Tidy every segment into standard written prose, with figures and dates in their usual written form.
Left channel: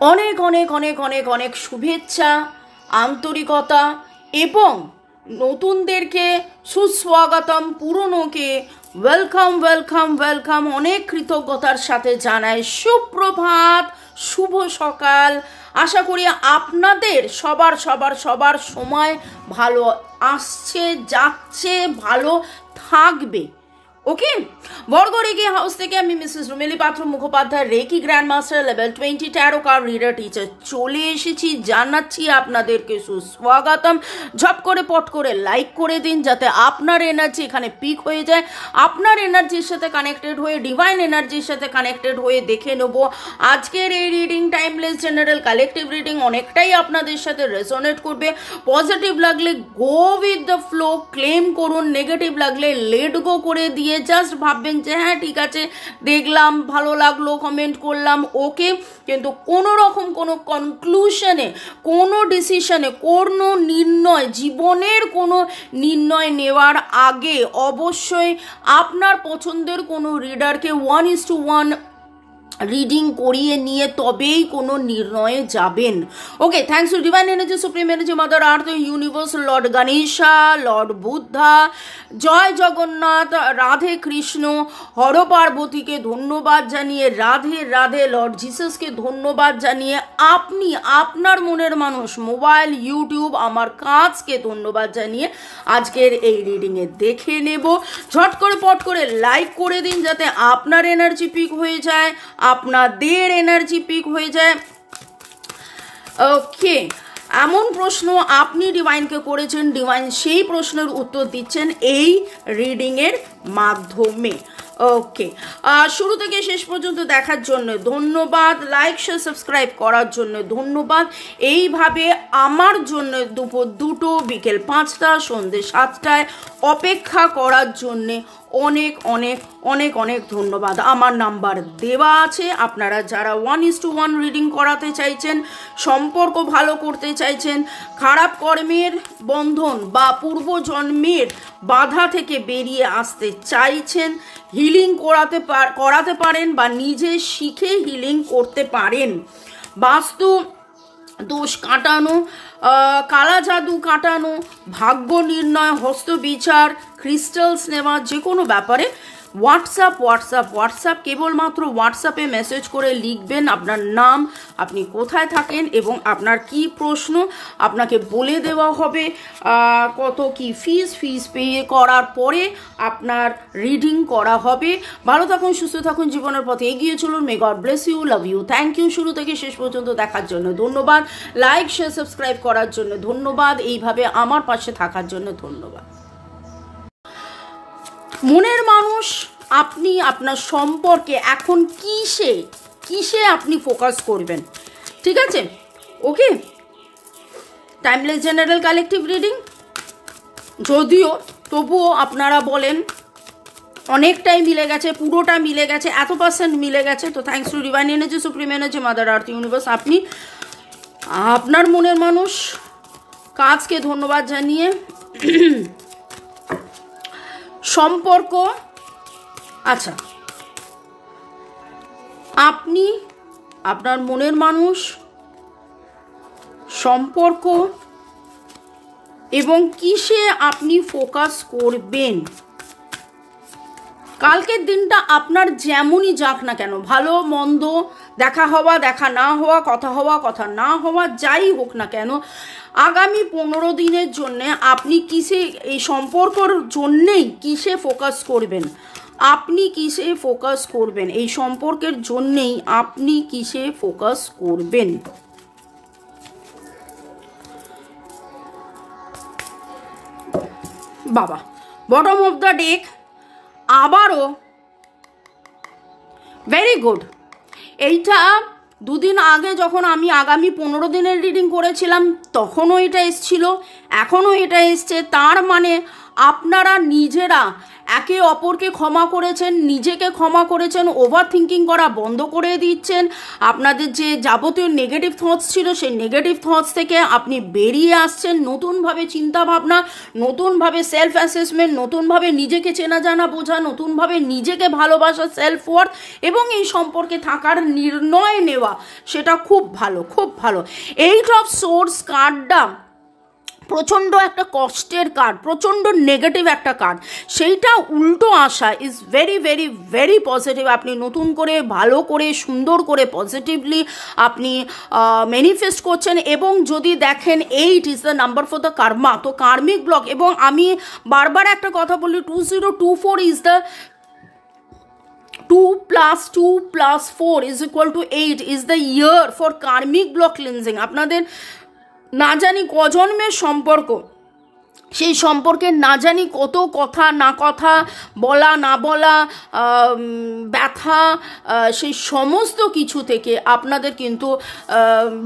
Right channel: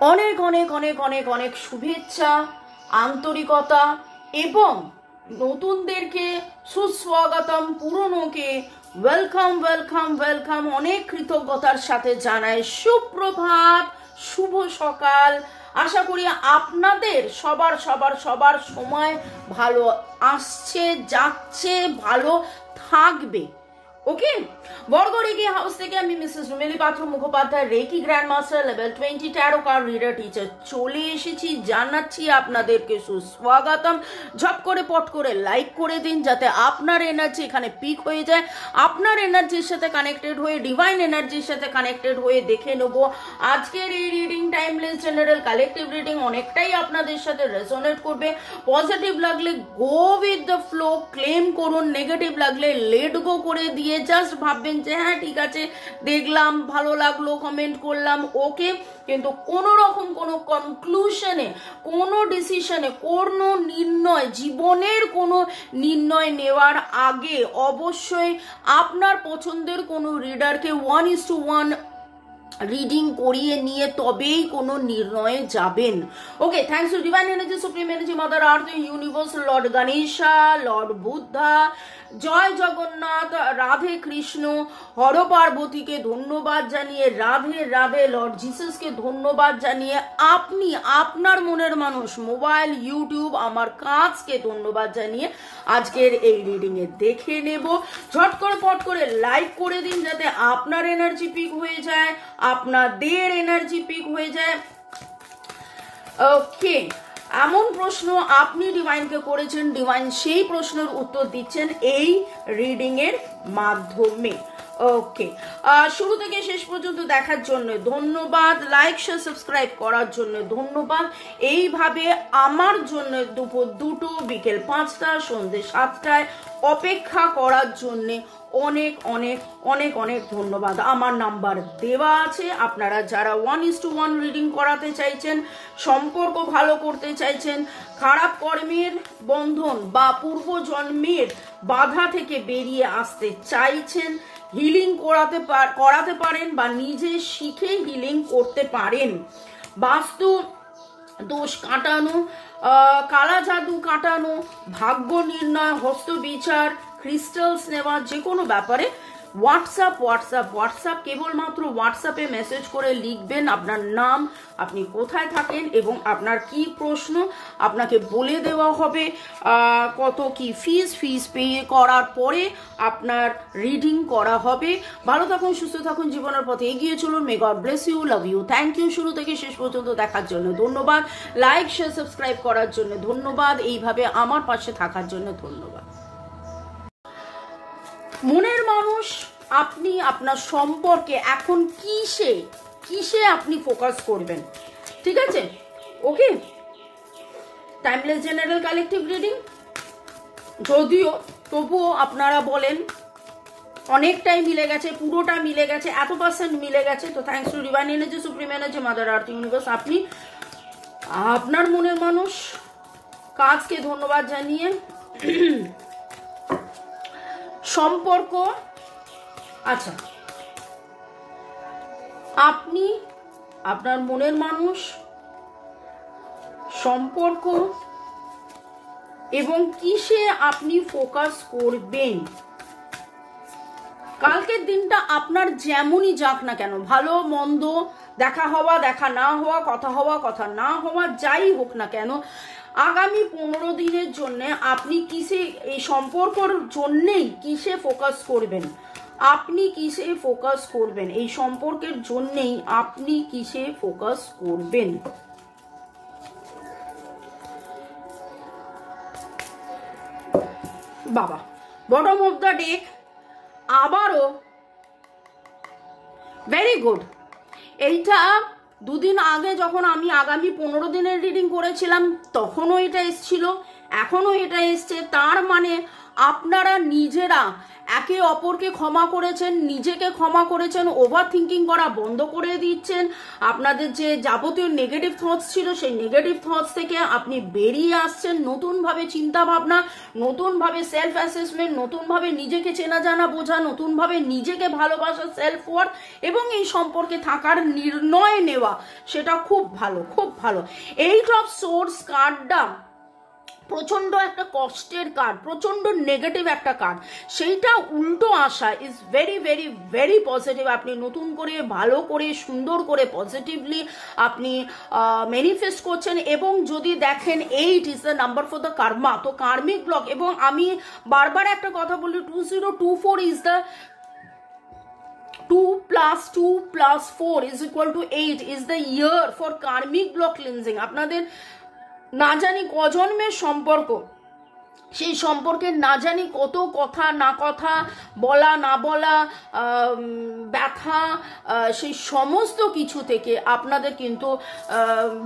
অনেক অনেক অনেক অনেক অনেক শুভেচ্ছা, আন্তরিকতা এবং নতুনদেরকে সুস্বাগতম, পুরনোকে ওয়েলকাম ওয়েলকাম ওয়েলকাম অনেক কৃতজ্ঞতার সাথে জানাই সুপ্রভাত, শুভ সকাল। আশা করি আপনাদের সবার সবার সবার সময় ভালো আসছে, যাচ্ছে, ভালো থাকবে। ওকে, বর্গরেকি হাউস থেকে আমি Mrs Rumeli Patra Mukhopadhyay, reiki grand master level 20 tarot card reader teacher চলে এসেছি। জানাচ্ছি আপনাদেরকে সুস্বাগতম। ঝপ করে পট করে লাইক করে দিন যাতে আপনার এনার্জি এখানে পিক হয়ে যায়। আপনার এনার্জির সাথে কানেক্টেড হয়ে, ডিভাইন এনার্জির সাথে কানেক্টেড হয়ে দেখে নেব আজকের এই reading. Timeless general collective reading অনেকটাই আপনাদের সাথে রেজোনেট করবে। পজিটিভ লাগলে go with the flow, claim করুন। নেগেটিভ লাগলে লেট গো করে দিয়ে জাস্ট ভাববেন যে হ্যাঁ ঠিক আছে, দেখলাম, ভালো লাগলো, কমেন্ট করলাম, ওকে। কিন্তু কোনো রকম কোনো কনক্লুশনে, কোনো ডিসিশনে, কোনো নির্ণয়, জীবনের কোনো নির্ণয় নেওয়ার আগে অবশ্যই আপনার পছন্দের কোনো রিডারকে 1:1 রিডিং করিয়ে নিয়ে তবেই কোনো নির্ণয়ে যাবেন। Okay, thanks to divine energy, supreme energy, mother earth, universe, lord Ganesha, lord Buddha, জয় জগন্নাথ, রাধে কৃষ্ণ, হর পার্বতীকে ধন্যবাদ জানিয়ে, রাধে রাধে, লর্ড জিসাসকে ধন্যবাদ জানিয়ে, আপনি আপনার মনের মানুষ, মোবাইল, ইউটিউব, আমার কাজকে ধন্যবাদ জানিয়ে আজকের এই রিডিংয়ে দেখে নেব। ঝট করে পট করে লাইক করে দিন যাতে আপনার এনার্জি পিক হয়ে যায়, আপনাদের এনার্জি পিক হয়ে যায়। ওকে, এমন প্রশ্ন আপনি ডিভাইনকে করেছেন, ডিভাইন সেই প্রশ্নের উত্তর দিচ্ছেন এই রিডিং এর মাধ্যমে। ওকে, শুরু থেকে শেষ পর্যন্ত দেখার জন্য ধন্যবাদ। লাইক, শেয়ার, সাবস্ক্রাইব করার জন্য ধন্যবাদ। এইভাবে আমার জন্য দুপুর 2টো, বিকেল 5টা, সন্ধ্যে 7টায় অপেক্ষা করার জন্যে অনেক অনেক অনেক অনেক ধন্যবাদ। আমার নাম্বার দেওয়া আছে। আপনারা যারা 1:1 রিডিং করাতে চাইছেন, সম্পর্ক ভালো করতে চাইছেন, খারাপ কর্মের বন্ধন বা পূর্বজন্মের বাধা থেকে বেরিয়ে আসতে চাইছেন, হিলিং করাতে পারেন বা নিজে শিখে হিলিং করতে পারেন, বাস্তু দোষ কাটানো, কালা জাদু কাটানো, ভাগ্য নির্ণয়, হস্ত বিচার, ক্রিস্টালস নেওয়া, যে কোনো ব্যাপারে হোয়াটসঅ্যাপ কেবলমাত্র হোয়াটসঅ্যাপে মেসেজ করে লিখবেন আপনার নাম, আপনি কোথায় থাকেন এবং আপনার কি প্রশ্ন, আপনাকে বলে দেওয়া হবে কত কি ফিস পে করার পরে আপনার রিডিং করা হবে। ভালো থাকুন, সুস্থ থাকুন, জীবনের পথে এগিয়ে চলুন। May God bless you, love you, thank you. শুরু থেকে শেষ পর্যন্ত দেখার জন্য ধন্যবাদ। লাইক, শেয়ার, সাবস্ক্রাইব করার জন্য ধন্যবাদ। এইভাবে আমার পাশে থাকার জন্য ধন্যবাদ। মনের মানুষ, আপনি আপনার সম্পর্কে এখন কিসে আপনি ফোকাস করবেন, ঠিক আছে? ওকে, টাইমলেস জেনারেল কালেকটিভ রিডিং, যদিও তবুও আপনারা বলেন অনেকটাই মিলে গেছে, পুরোটা মিলে গেছে, এত % মিলে গেছে, তো thanks to divine energy, supreme energy, mother earth, universe. আপনি আপনার মনের মানুষ কাজকে ধন্যবাদ জানিয়ে সম্পর্ক, আচ্ছা, আপনি আপনার মনের মানুষ, সম্পর্ক এবং কিসে আপনি ফোকাস করবেন। কালকের দিনটা আপনার যেমনই যাক না কেন, ভালো মন্দ, দেখা হওয়া, দেখা না হওয়া, কথা হওয়া, কথা না হওয়া, যাই হোক না কেন, আগামী 15 দিনের জন্য আপনি কিসে, এই সম্পর্কর জন্যেই কিসে ফোকাস করবেন, আপনি কিসে ফোকাস করবেন, এই সম্পর্কের জন্যেই আপনি কিসে ফোকাস করবেন। বাবা, বটম অফ দ্য ডেক আবারও ভেরি গুড। এইটা দুদিন আগে যখন আমি আগামী 15 দিনের রিডিং করেছিলাম তখনও এটা এসছিল, এখনও এটা এসছে। তার মানে আপনারা নিজেরা একে অপরকে ক্ষমা করেছেন, নিজেকে ক্ষমা করেছেন, ওভার থিঙ্কিং করা বন্ধ করে দিচ্ছেন। আপনাদের যে যাবতীয় নেগেটিভ থটস ছিল সেই নেগেটিভ থটস থেকে আপনি বেরিয়ে আসছেন, নতুনভাবে চিন্তাভাবনা, নতুনভাবে সেলফ অ্যাসেসমেন্ট, নতুনভাবে নিজেকে চেনা জানা বোঝা, নতুনভাবে নিজেকে ভালোবাসা, সেলফ ওয়ার্থ এবং এই সম্পর্কে থাকার নির্ণয় নেওয়া, সেটা খুব ভালো, খুব ভালো। এইট অফ সোর্স কার্ডটা প্রচণ্ড একটা কষ্টের কার্ড, প্রচণ্ড নেগেটিভ একটা কার্ড, সেইটা উল্টো আসা is very very very positive. আপনি নতুন করে ভালো করে সুন্দর করে পজিটিভলি আপনি ম্যানিফেস্ট করছেন। এবং যদি দেখেন 8 is the number for the karma, তো কার্মিক ব্লক, এবং আমি বারবার একটা কথা বলি 2024 is the 2 + 2 + 4 = 8 is the year for karmic block cleansing। আপনাদের না জানি কজন্মের সম্পর্ক, সেই সম্পর্কে না জানি কত কথা না কথা, বলা না বলা, ব্যথা, সেই সমস্ত কিছু থেকে আপনাদের কিন্তু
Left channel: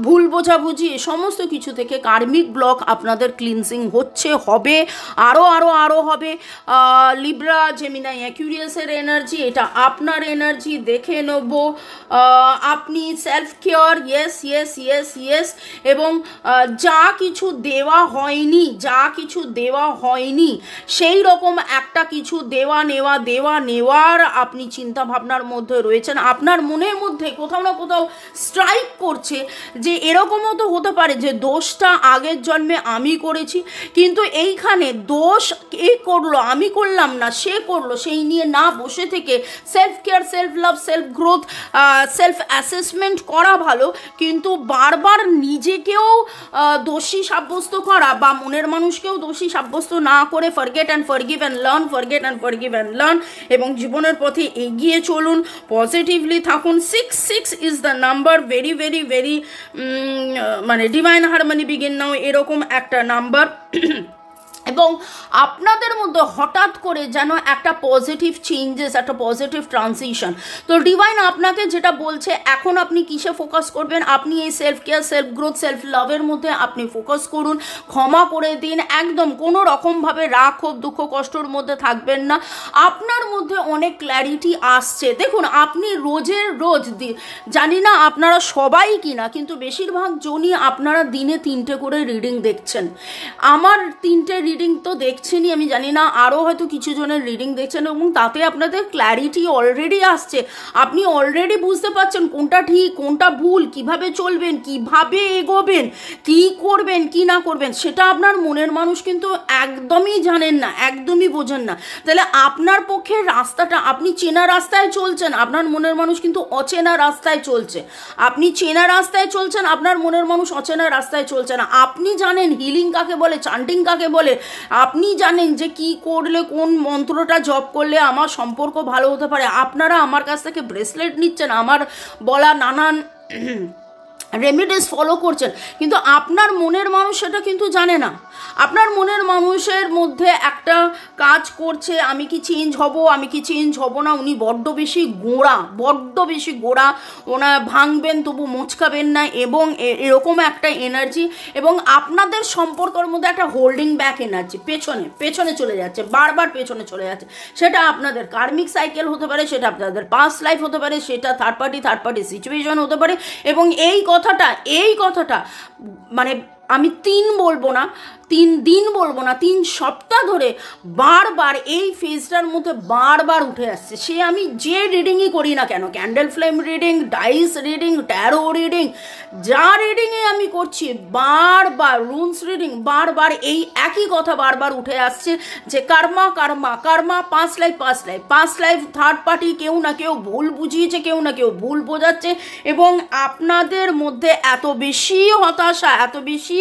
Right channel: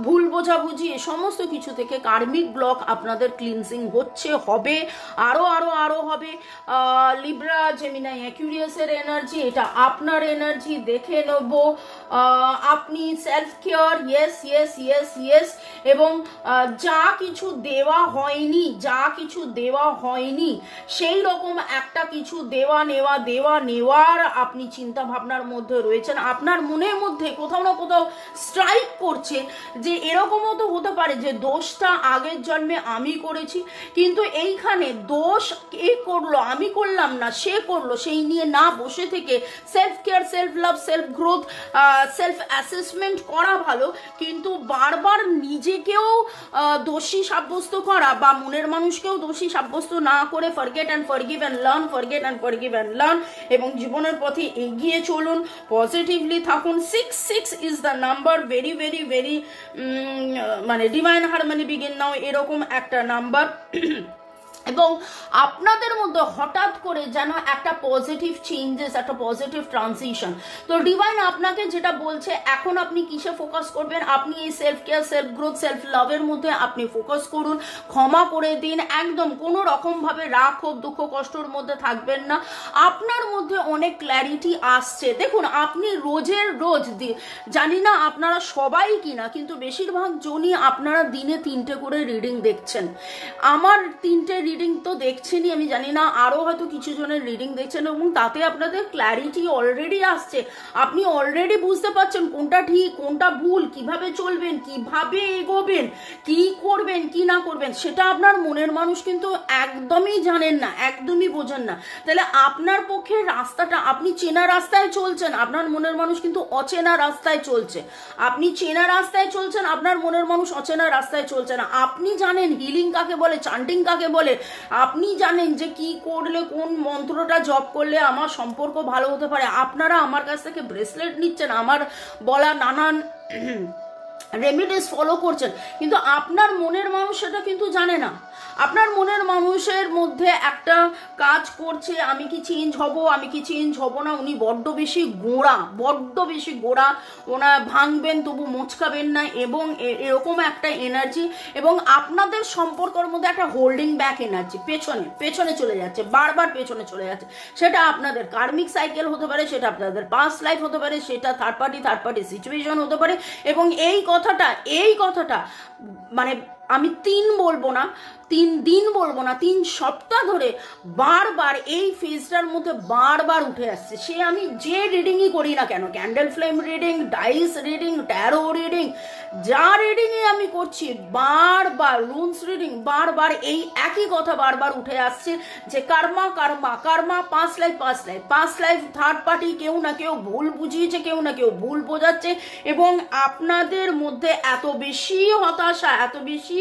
ভুল বোঝাবুঝি, সমস্ত কিছু থেকে কার্মিক ব্লক আপনাদের ক্লিনজিং হচ্ছে, হবে, আরও আরও আরও হবে। লিব্রা, জেমিনাই, অ্যাকুয়ারিয়াসের এনার্জি, এটা আপনার এনার্জি, দেখে নেব। আপনি self care, yes yes yes yes, এবং যা কিছু দেওয়া হয়নি, যা কিছু দেওয়া হয়নি সেই রকম একটা কিছু দেওয়া নেওয়ার আপনি চিন্তা ভাবনার মধ্যে রয়েছেন। আপনার মনের মধ্যে কোথাও না কোথাও স্ট্রাইক করছে যে এরকমও তো হতে পারে যে দোষটা আগের জন্মে আমি করেছি, কিন্তু এইখানে দোষ কে করলো, আমি করলাম না, সে করলো, সেই নিয়ে না বসে থেকে self care, self love, self growth, self assessment করা ভালো। কিন্তু বারবার নিজেকেও দোষী সাব্যস্ত করা বা মনের মানুষকেও দোষী সাব্যস্ত না করে forget and forgive and learn, forget and forgive and learn, এবং জীবনের পথে এগিয়ে চলুন, পজিটিভলি থাকুন। 6 is the number, very very very মানে ডিভাইন হারমোনি বিগিন নাও, এরকম একটা নাম্বার। এবং আপনাদের মধ্যে হঠাৎ করে যেন একটা পজিটিভ চেঞ্জেস, একটা পজিটিভ ট্রানজিশন। তো ডিভাইন আপনাকে যেটা বলছে, এখন আপনি কিসে ফোকাস করবেন? আপনি এই self care, self growth, self লাভের মধ্যে আপনি ফোকাস করুন, ক্ষমা করে দিন, একদম কোনো রকমভাবে রাগ, ক্ষোভ, দুঃখ, কষ্টর মধ্যে থাকবেন না। আপনার মধ্যে অনেক ক্ল্যারিটি আসছে। দেখুন, আপনি রোজের রোজ, জানি না আপনারা সবাই কিনা, কিন্তু বেশিরভাগ জনই আপনারা দিনে 3টে করে রিডিং দেখছেন। আমার 3টে রিডিং তো দেখছেনই, আমি জানি না আরও হয়তো কিছু জনের রিডিং দেখছেন, এবং তাতে আপনাদের ক্ল্যারিটি অলরেডি আসছে। আপনি অলরেডি বুঝতে পারছেন কোনটা ঠিক, কোনটা ভুল, কিভাবে চলবেন, কিভাবে এগোবেন, কি করবেন, কি না করবেন, সেটা আপনার মনের মানুষ কিন্তু একদমই জানেন না, একদমই বোঝেন না। তাহলে আপনার পক্ষে রাস্তাটা, আপনি চেনা রাস্তায় চলছেন, আপনার মনের মানুষ কিন্তু অচেনা রাস্তায় চলছে। আপনি চেনা রাস্তায় চলছেন, আপনার মনের মানুষ অচেনা রাস্তায় চলছে না। আপনি জানেন হিলিং কাকে বলে, চান্টিং কাকে বলে, আপনি জানেন যে কি করলে, কোন মন্ত্রটা জপ করলে আমার সম্পর্ক ভালো হতে পারে। আপনারা আমার কাছ থেকে ব্রেসলেট নিচ্ছেন, আমার বলা নানান রেমিডিস ফলো করছেন, কিন্তু আপনার মনের মানুষ সেটা কিন্তু জানে না। আপনার মনের মানুষের মধ্যে একটা কাজ করছে, আমি কি চেঞ্জ হব, আমি কি চেঞ্জ হব না। উনি বড্ড বেশি গোড়া, ওনা ভাঙবেন তবু মোচকাবেন না, এবং এরকম একটা এনার্জি। এবং আপনাদের সম্পর্কের মধ্যে একটা হোল্ডিং ব্যাক এনার্জি, পেছনে চলে যাচ্ছে, বারবার পেছনে চলে যাচ্ছে। সেটা আপনাদের কার্মিক সাইকেল হতে পারে, সেটা আপনাদের পাস্ট লাইফ হতে পারে, সেটা থার্ড পার্টি সিচুয়েশন হতে পারে। এবং এই কথাটা মানে আমি 3 বলবো না, 3 দিন বলবো না, 3 সপ্তাহ ধরে বারবার এই ফেজটার মধ্যে বারবার উঠে আসছে। সে আমি যে রিডিংই করি না কেন, candle flame reading, dice reading, tarot reading, যা রিডিংই আমি করছি, বারবার রুনস রিডিং, বারবার এই একই কথা বারবার উঠে আসছে যে Karma, past life, third party, কেউ না কেউ ভুল বুঝিয়েছে, কেউ না কেউ ভুল বোঝাচ্ছে। এবং আপনাদের মধ্যে এত বেশি হতাশা, এত বেশি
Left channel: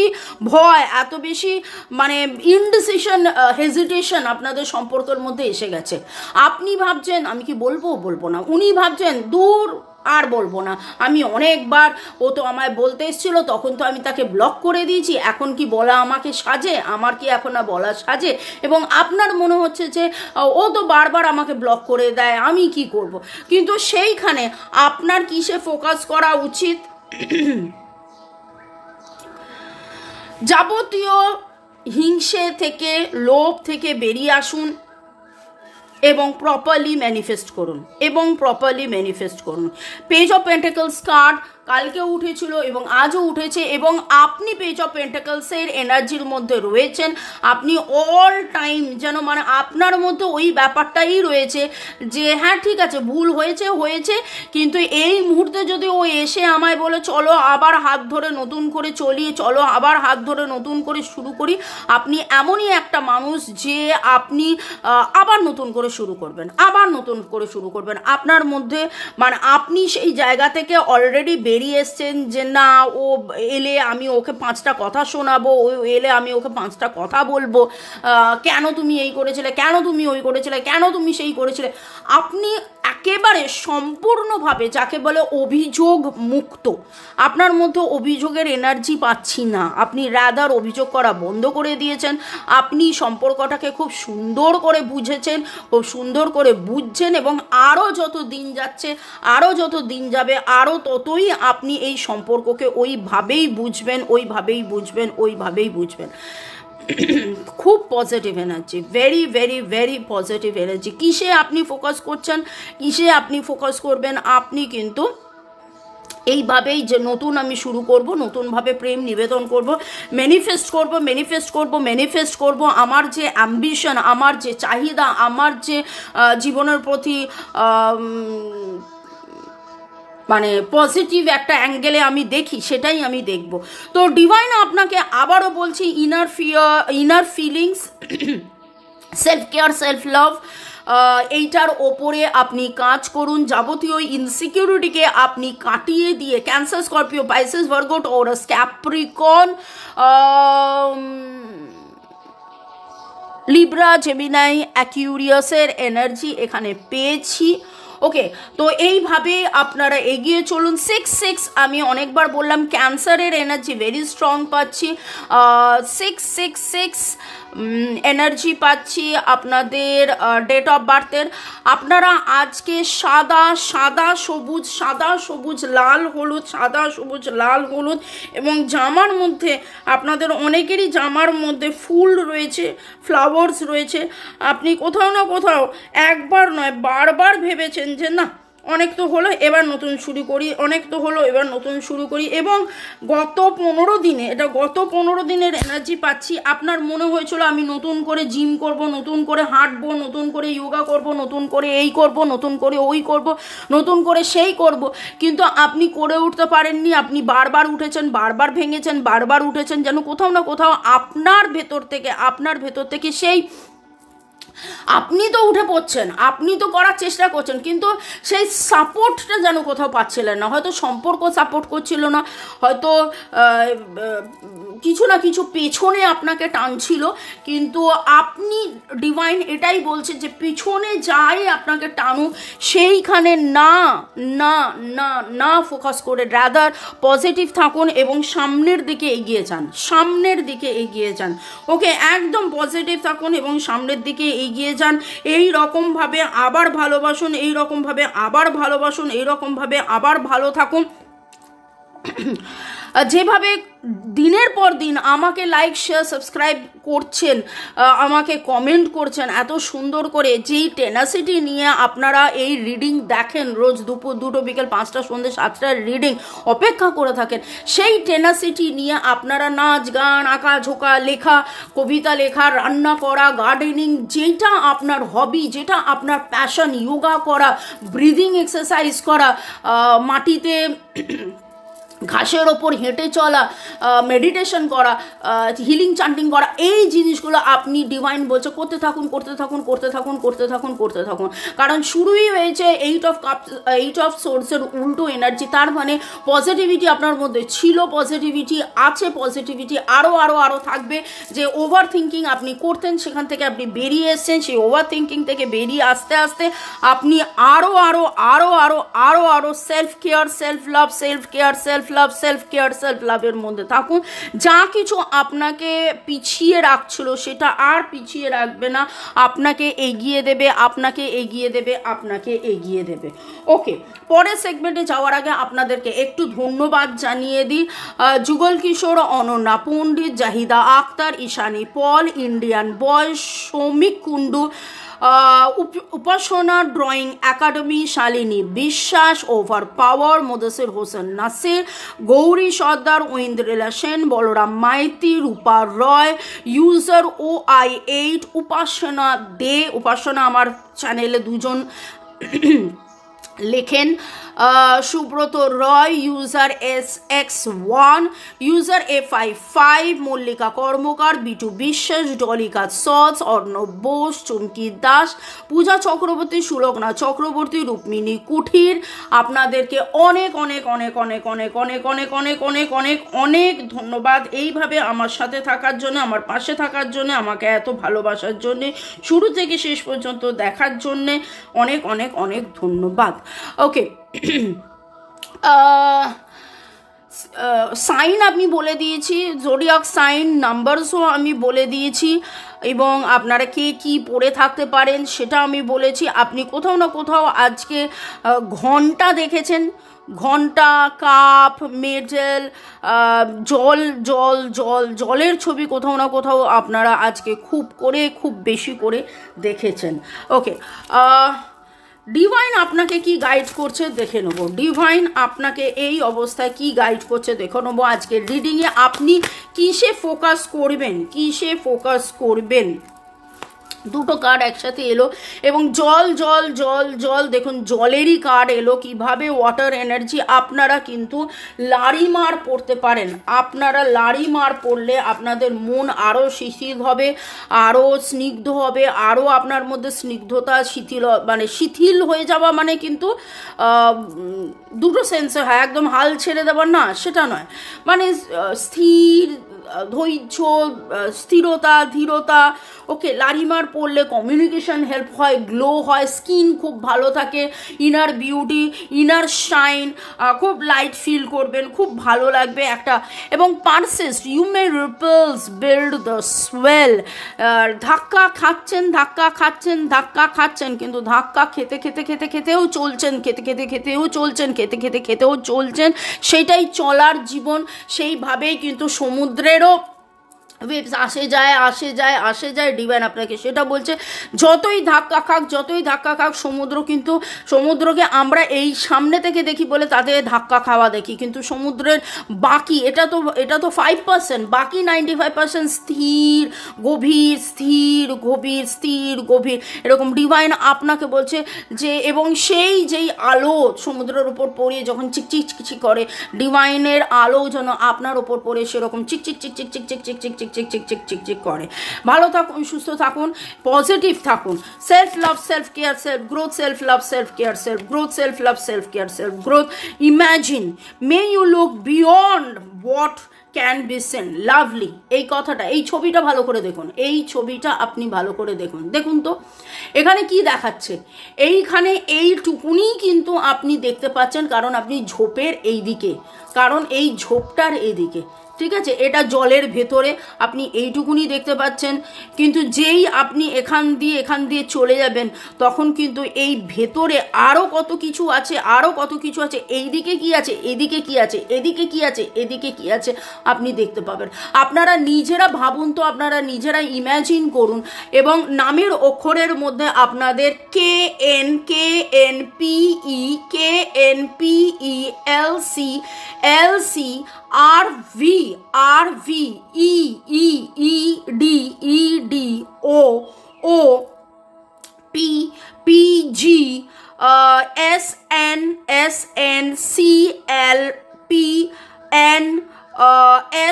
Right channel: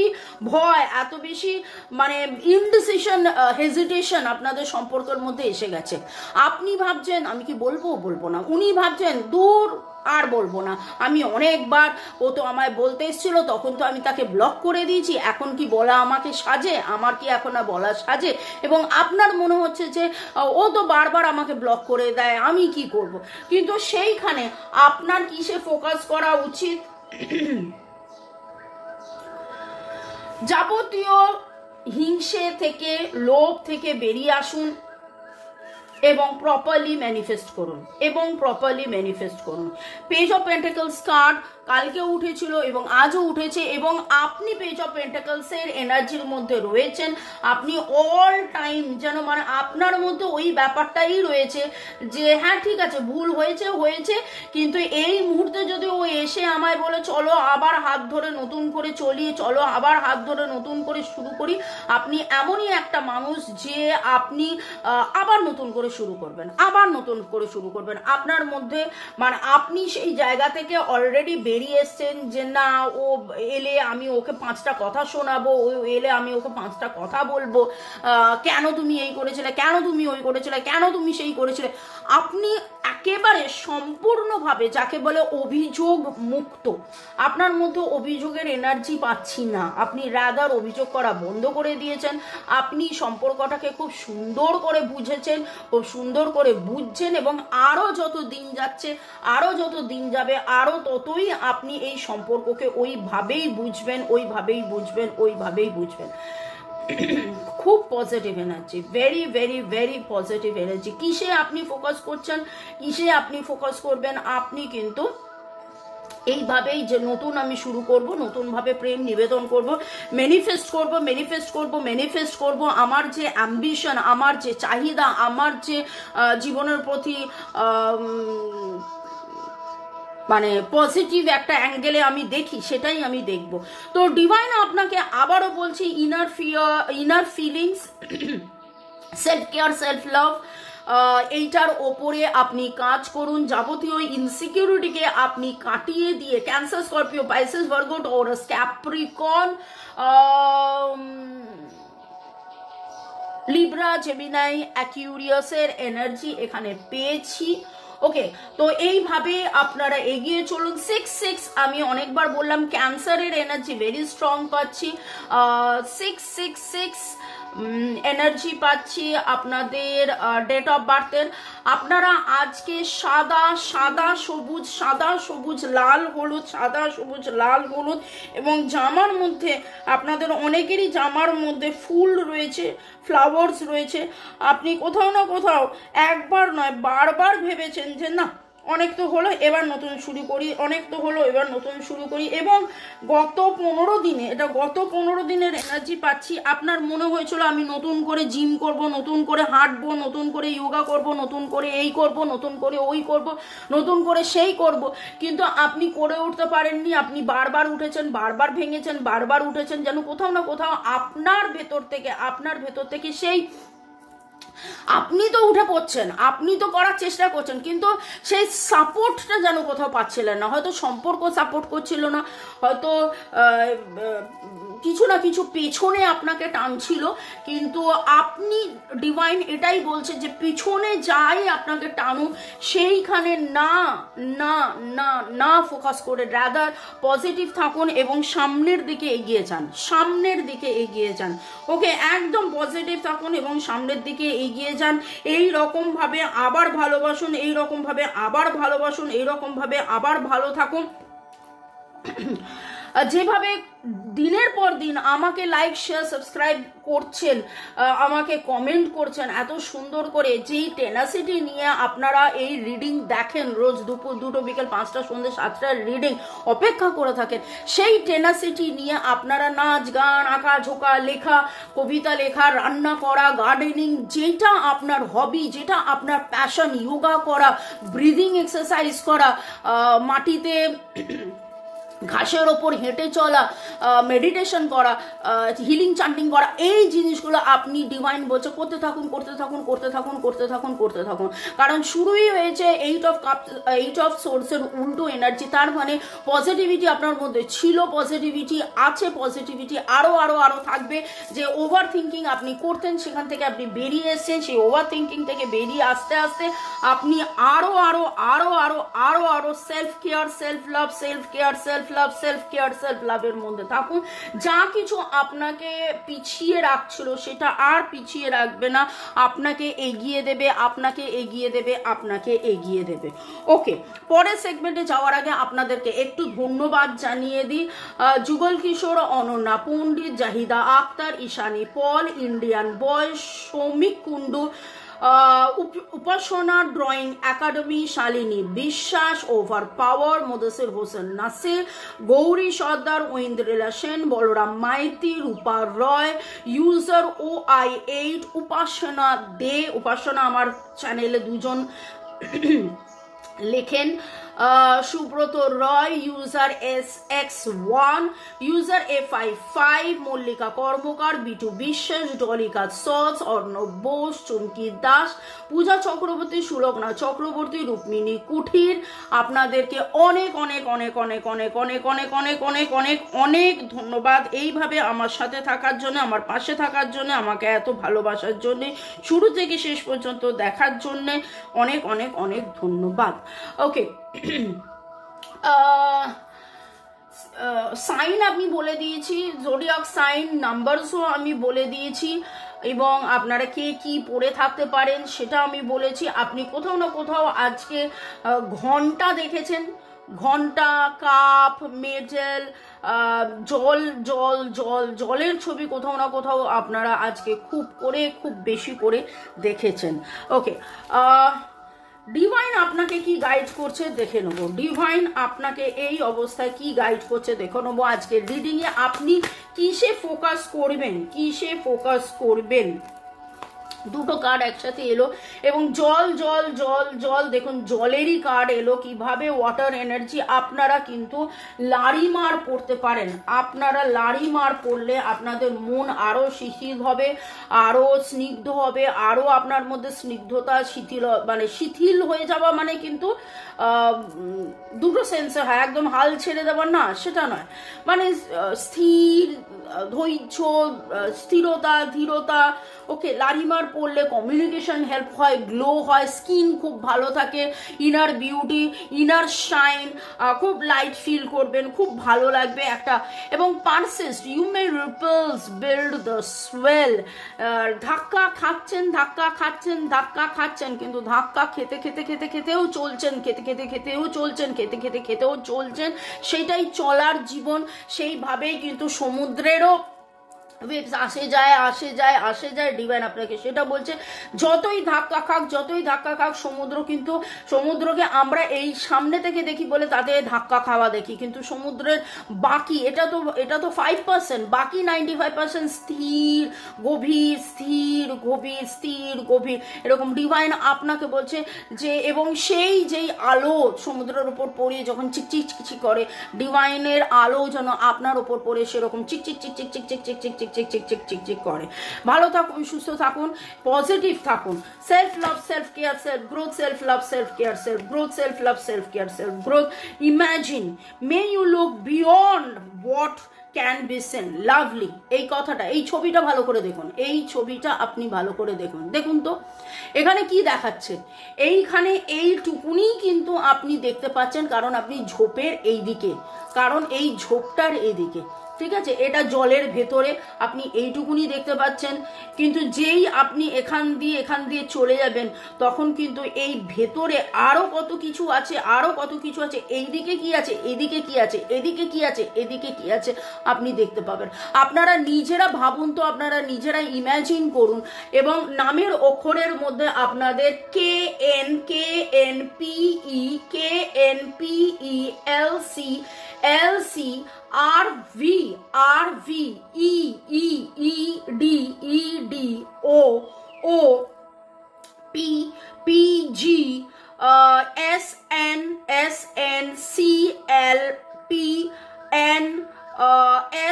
ভয়, এত বেশি মানে ইনডিসিশন, হেজিটেশন আপনাদের সম্পর্কের মধ্যে এসে গেছে। আপনি ভাবছেন আমি কি বলবো না, উনি ভাবছেন দূর আর বলবো না। আমি অনেকবার, ও তো আমায় বলতে এসেছিল, তখন তো আমি তাকে ব্লক করে দিয়েছি, এখন কি বলা আমাকে সাজে, আমার কি এখন না বলা সাজে। এবং আপনার মনে হচ্ছে যে ও তো বারবার আমাকে ব্লক করে দেয়, আমি কি করব। কিন্তু সেইখানে আপনার কিসে ফোকাস করা উচিত? যাবতীয় হিংসে থেকে, লোভ থেকে বেরিয়ে আসুন এবং প্রপারলি ম্যানিফেস্ট করুন। পেজ অফ পেন্টাকলস কার্ড কালকে উঠেছিল এবং আজও উঠেছে, এবং আপনি পেজ অফ পেন্টাকলসের এনার্জির মধ্যে রয়েছেন। আপনি অল টাইম যেন মানে আপনার মধ্যে ওই ব্যাপারটাই রয়েছে যে হ্যাঁ ঠিক আছে, ভুল হয়েছে, কিন্তু এই মুহূর্তে যদি ও এসে আমায় বলে চলো আবার হাত ধরে নতুন করে চলি, চলো আবার হাত ধরে নতুন করে শুরু করি, আপনি এমনই একটা মানুষ যে আপনি আবার নতুন করে শুরু করবেন। আপনার মধ্যে মানে আপনি সেই জায়গা থেকে অলরেডি বেরিয়ে এসছেন যে না, ও এলে আমি ওকে 5টা কথা শোনাবো, ও এলে আমি ওকে 5টা কথা বলবো, কেন তুমি এই করেছিলে, কেন তুমি ওই করেছিলে, কেন তুমি সেই করেছিলে। আপনি একেবারে সম্পূর্ণভাবে যাকে বলে অভিযোগ মুক্ত। আপনার মধ্যে অভিযোগের এনার্জি পাচ্ছি না। আপনি রাদার অভিযোগ করা বন্ধ করে দিয়েছেন। আপনি সম্পর্কটাকে খুব সুন্দর করে বুঝেছেন, খুব সুন্দর করে বুঝছেন, এবং আরও যত দিন যাচ্ছে, আরও যত দিন যাবে, আরও ততই আপনি এই সম্পর্ককে ওইভাবেই বুঝবেন। খুব positive energy, very very very positive energy. কিসে আপনি ফোকাস করছেন, কিসে আপনি ফোকাস করবেন, আপনি কিন্তু এইভাবেই যে নতুন আমি শুরু করব, নতুনভাবে প্রেম নিবেদন করব, ম্যানিফেস্ট করব আমার যে অ্যাম্বিশন, আমার যে চাহিদা, আমার যে জীবনের প্রতি মানে পজিটিভ একটা অ্যাঙ্গেলে আমি দেখি, সেটাই আমি দেখব। তো ডিভাইন আপনাকে আবারও বলছি, inner feelings, self care, self love, এইটার ওপরে আপনি কাজ করুন। যাবতীয় ইনসিকিউরিটিকে আপনি কাটিয়ে দিয়ে, Cancer, Scorpio, Pisces, Virgo, Taurus, Capricorn, Libra, Gemini, অ্যাকিউরিয়াসের এনার্জি এখানে পেয়েছি। ওকে, তো এইভাবে আপনারা এগিয়ে চলুন। 6 আমি অনেকবার বললাম, ক্যান্সারের এনার্জি ভেরি স্ট্রং পাচ্ছি। 6 এনার্জি পাচ্ছি আপনাদের ডেট অফ বার্থের। আপনারা আজকে সাদা সবুজ লাল হলুদ এবং জামার মধ্যে আপনাদের অনেকেরই জামার মধ্যে ফুল রয়েছে, ফ্লাওয়ার্স রয়েছে। আপনি কোথাও না কোথাও একবার নয় বারবার ভেবেছেন যে না অনেক তো হলো, এবার নতুন শুরু করি, এবং গত 15 দিনের এনার্জি পাচ্ছি। আপনার মনে হয়েছিল আমি নতুন করে জিম করব, নতুন করে হাঁটবো, নতুন করে যোগা করব, নতুন করে এই করব, নতুন করে ওই করব, নতুন করে সেই করব, কিন্তু আপনি করে উঠতে পারেননি। আপনি বারবার উঠেছেন, বারবার ভেঙেছেন, বারবার উঠেছেন, যেন কোথাও না কোথাও আপনার ভেতর থেকে সেই আপনি তো উঠে পড়ছেন, আপনি তো করার চেষ্টা করছেন, কিন্তু সেই সাপোর্টটা যেন কোথাও পাচ্ছিলেন না। হয়তো সম্পর্ক সাপোর্ট করছিল না, হয়তো কিছু না কিছু পেছনে আপনাকে টানছিল, কিন্তু আপনি ডিভাইন এটাই বলছে যে পিছনে যাই আপনাকে টানুক, সেইখানে না ফোকাস করে রাদার পজিটিভ থাকুন এবং সামনের দিকে এগিয়ে যান। ওকে, একদম পজিটিভ থাকুন এবং সামনের দিকে এগিয়ে যান। এই রকমভাবে আবার ভালো থাকুন। যেভাবে দিনের পর দিন আমাকে লাইক, শেয়ার, সাবস্ক্রাইব করছেন, আমাকে কমেন্ট করছেন এত সুন্দর করে, যেই টেনাসিটি নিয়ে আপনারা এই রিডিং দেখেন, রোজ দুপুর 2টো, বিকেল 5টা, সন্ধ্যে 7টার রিডিং অপেক্ষা করে থাকেন, সেই টেনাসিটি নিয়ে আপনারা নাচ, গান, আঁকা, ঝোঁকা, লেখা, কবিতা লেখা, রান্না করা, গার্ডেনিং, যেটা আপনার হবি, যেটা আপনার প্যাশন, যোগা করা, ব্রিদিং এক্সারসাইজ করা, মাটিতে ঘাসের ওপর হেঁটে চলা, মেডিটেশন করা, হিলিং চান্টিং করা, এই জিনিসগুলো আপনি ডিভাইন বলছে করতে থাকুন। কারণ শুরুই হয়েছে 8 অফ সোর্সের উল্টো এনার্জি। তার মানে পজিটিভিটি আপনার মধ্যে ছিল, পজিটিভিটি আছে, পজিটিভিটি আরও থাকবে। যে ওভার থিঙ্কিং আপনি করতেন, সেখান থেকে আপনি বেরিয়ে এসছেন। সেই ওভার থিঙ্কিং থেকে বেরিয়ে আস্তে আপনি আরও self care, self love, self love, self care, self লাভের মধ্যে থাকুন। যা কিছু আপনাকে পিছিয়ে রাখছিল সেটা আর পিছিয়ে রাখবে না, আপনাকে এগিয়ে দেবে, আপনাকে এগিয়ে দেবে, আপনাকে এগিয়ে দেবে। ওকে, পরের সেগমেন্টে যাওয়ার আগে আপনাদেরকে একটু ধন্যবাদ জানিয়ে দিই। Jugal Kishore, Ananya Pandit, Zahida Akhtar, Ishani Paul, Indian boy, Soumik Kundu, Upasana drawing academy, Shalini Biswas, over power, Mudasir Hossain Nasir, Gouri Sardar, Aindrila Sen, Balaram Maity, Rupa Roy, user OI8, Upasana Dey, Upasana আমার চ্যানেলে দুজন লেখেন, Subrata Roy, user SX1, user A55, Mallika Karmakar, Bitu Biswas, Dolika সস, অর্ণব বোস, চুমকি দাস, পূজা চক্রবর্তী, সুলগ্না চক্রবর্তী, রুক্মিণী কুঠির। আপনাদেরকে অনেক অনেক অনেক অনেক অনেক অনেক অনেক অনেক অনেক অনেক অনেক ধন্যবাদ এইভাবে আমার সাথে থাকার জন্য, আমার পাশে থাকার জন্য, আমাকে এত ভালোবাসার জন্যে, শুরু থেকে শেষ পর্যন্ত দেখার জন্যে অনেক অনেক অনেক ধন্যবাদ। ওকে, সাইন আমি বলে দিয়েছি, জোডিয়াক সাইন নাম্বারসও আমি বলে দিয়েছি, এবং আপনারা কে কি পড়ে থাকতে পারেন সেটা আমি বলেছি। আপনি কোথাও না কোথাও আজকে ঘন্টা দেখেছেন, ঘন্টা, কাপ, মেডেল, জল জল জল জলের ছবি কোথাও না কোথাও আপনারা আজকে খুব বেশি করে দেখেছেন। ওকে, ডিভাইন আপনাকে কি গাইড করছে দেখে নেবো। ডিভাইন আপনাকে এই অবস্থায় কি গাইড করছে দেখে নেবো। আজকের রিডিংয়ে আপনি কিসে ফোকাস করবেন, কিসে ফোকাস করবেন। দুটো কার্ড একসাথে এলো এবং জল জল জল জল, দেখুন জলেরই কার্ড এলো। কিভাবে ওয়াটার এনার্জি আপনারা কিন্তু লারিমার পড়তে পারেন। আপনারা লারিমার পড়লে আপনাদের মন আরও শিথিল হবে, আরও স্নিগ্ধ হবে, আরও আপনার মধ্যে স্নিগ্ধতা, শিথিল হয়ে যাওয়া মানে কিন্তু দুটো সেন্সে হয়, একদম হাল ছেড়ে দেওয়ার না সেটা নয়, মানে স্থির, ধৈর্য, স্থিরতা, ধীরতা। ওকে, লারিমার পড়লে কমিউনিকেশন হেল্প হয়, গ্লো হয়, স্কিন খুব ভালো থাকে, ইনার বিউটি, ইনার শাইন, খুব লাইট ফিল করবেন, খুব ভালো লাগবে একটা। এবং persist, you may ripples build the soul. ধাক্কা খাচ্ছেন, ধাক্কা খাচ্ছেন, ধাক্কা খাচ্ছেন, কিন্তু ধাক্কা খেতে খেতে খেতে খেতেও চলছেন, খেতে খেতে খেতেও চলছেন, খেতে খেতে খেতেও চলছেন। সেটাই চলার জীবন। সেইভাবেই কিন্তু সমুদ্রেরও ওয়েভস আসে যায় আসে যায় আসে যায়। ডিভাইন আপনাকে সেটা বলছে, যতই ধাক্কা খাক সমুদ্র, কিন্তু সমুদ্রকে আমরা এই সামনে থেকে দেখি বলে তাদের ধাক্কা খাওয়া দেখি, কিন্তু সমুদ্রের বাকি এটা তো 5%, বাকি 95% স্থির গভীর, স্থির গভীর, স্থির গভীর। এরকম ডিভাইন আপনাকে বলছে যে, এবং সেই যেই আলো সমুদ্রের উপর পড়িয়ে যখন চিকচিক চিকচিক করে, ডিভাইনের আলো যেন আপনার ওপর পড়ে সেরকম চিকচিক চিকচিক চিকচিক চিকচিক চিকচিক চিকচিক চিকচিক করে। ভালো থাকুন, সুস্থ থাকুন, পজিটিভ থাকুন। Self love, self care, self growth, self love, self care, self growth, self love, self care, self growth. Imagine, may you look beyond what can be seen. Lovely, এই কথাটা, এই ছবিটা ভালো করে দেখুন, এই ছবিটা আপনি ভালো করে দেখুন। দেখুন তো এখানে কি দেখাচ্ছে, এইখানে এইটুকুনি কিন্তু আপনি দেখতে পাচ্ছেন, কারণ আপনি ঝোপের এই দিকে, কারণ এই ঝোপটার এদিকে, ঠিক আছে, এটা জলের ভেতরে আপনি এইটুকুনি দেখতে পাচ্ছেন। কিন্তু যেই আপনি এখান দিয়ে চলে যাবেন, তখন কিন্তু এই ভেতরে আরও কত কিছু আছে, আরও কত কিছু আছে। এইদিকে কি আছে, এদিকে কি আছে, এদিকে কি আছে, এদিকে কি আছে, আপনি দেখতে পাবেন। আপনারা নিজেরা ভাবুন তো, আপনারা নিজেরা ইম্যাজিন করুন, এবং নামের অক্ষরের মধ্যে আপনাদের KNPELC RV EEDEDO PG SN CLPN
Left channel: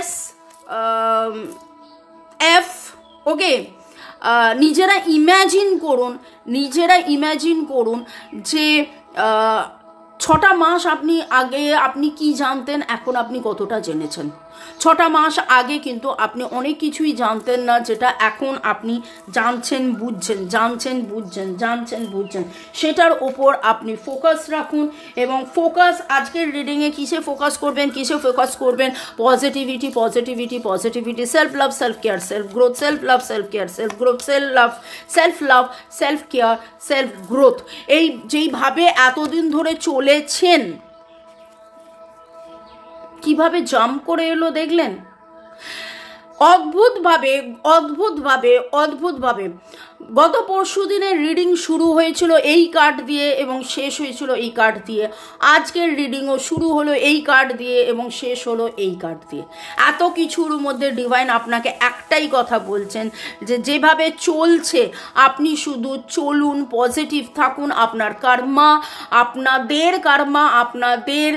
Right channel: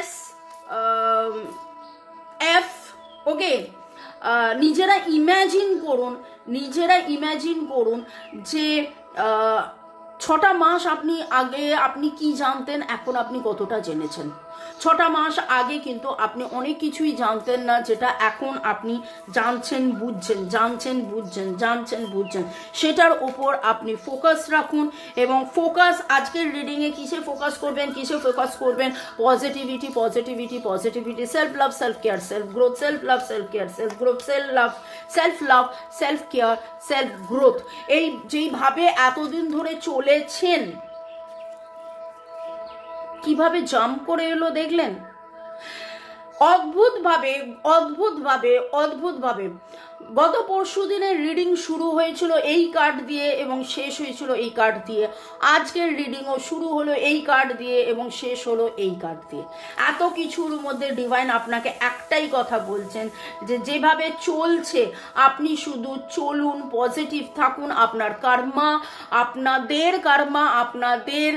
SF। ওকে, নিজেরা ইম্যাজিন করুন যে 6টা মাস আপনি কি জানতেন, এখন আপনি কতটা জেনেছেন। 6টা মাস আগে কিন্তু আপনি অনেক কিছুই জানতেন না, যেটা এখন আপনি জানছেন বুঝছেন। সেটার ওপর আপনি ফোকাস রাখুন, এবং আজকের রিডিংয়ে কিসে ফোকাস করবেন, positivity, self love, self care, self growth, self care, self growth. এই যেইভাবে এতদিন ধরে চলেছেন, কিভাবে জাম্প করে এলো দেখলেন, অদ্ভুতভাবে গত পরশু দিনের রিডিং শুরু হয়েছিল এই কার্ড দিয়ে এবং শেষ হয়েছিল এই কার্ড দিয়ে। আজকের রিডিংও শুরু হলো এই কার্ড দিয়ে এবং শেষ হলো এই কার্ড দিয়ে। এত কিছুর মধ্যে ডিভাইন আপনাকে একটাই কথা বলছেন, যে যেভাবে চলছে আপনি শুধু চলুন, পজিটিভ থাকুন। আপনাদের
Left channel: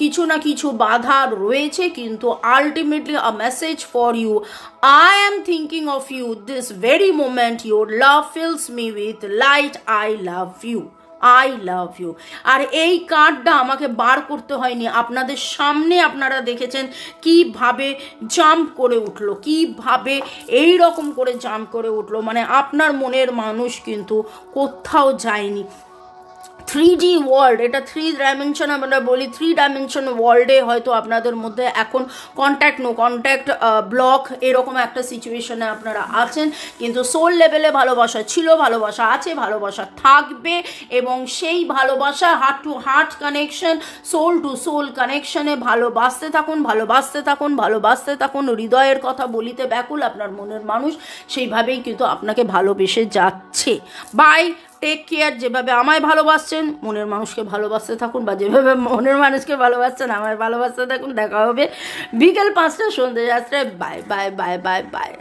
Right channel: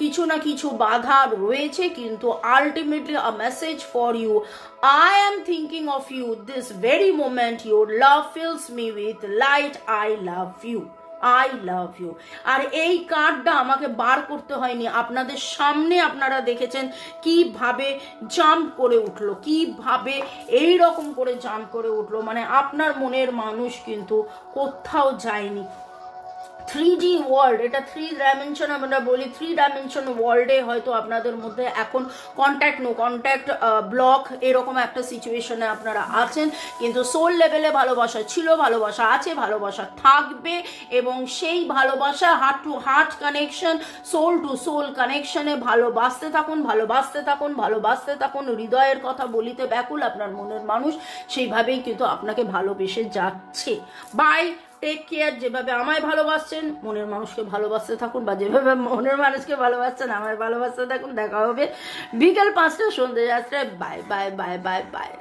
কিছু না কিছু বাধা রয়েছে, কিন্তু ultimately a message for you. I am thinking of you this very moment. Your love fills me with light. I love you. আর এই কার্ডটা আমাকে বার করতে হয়নি, আপনাদের সামনে আপনারা দেখেছেন কিভাবে জাম্প করে উঠলো, কিভাবে এই রকম করে জাম্প করে উঠলো। মানে আপনার মনের মানুষ কিন্তু কোথাও যায়নি। 3D ওয়ার্ল্ড, এটা 3 ডাইমেনশন, আমরা বলি 3 ডাইমেনশন ওয়ার্ল্ডে হয়তো আপনাদের মধ্যে এখন নো কন্ট্যাক্ট ব্লক, এরকম একটা সিচুয়েশনে আপনারা আছেন, কিন্তু সোল লেভেলে ভালোবাসা ছিল, ভালোবাসা আছে, ভালোবাসা থাকবে, এবং সেই ভালোবাসা heart to heart connection, soul to soul কানেকশনে ভালোবাসতে থাকুন। হৃদয়ের কথা বলিতে ব্যাকুল আপনার মনের মানুষ, সেইভাবেই কিন্তু আপনাকে ভালোবেসে যাচ্ছে। Bye, take care. যেভাবে আমায় ভালোবাসছেন, মনের মানুষকে ভালোবাসতে থাকুন, বা যেভাবে মনের মানুষকে ভালোবাসছেন আমায় ভালোবাসতে থাকুন। দেখা হবে বিকেল 5টা, সন্ধ্যে 7টায়। বাই।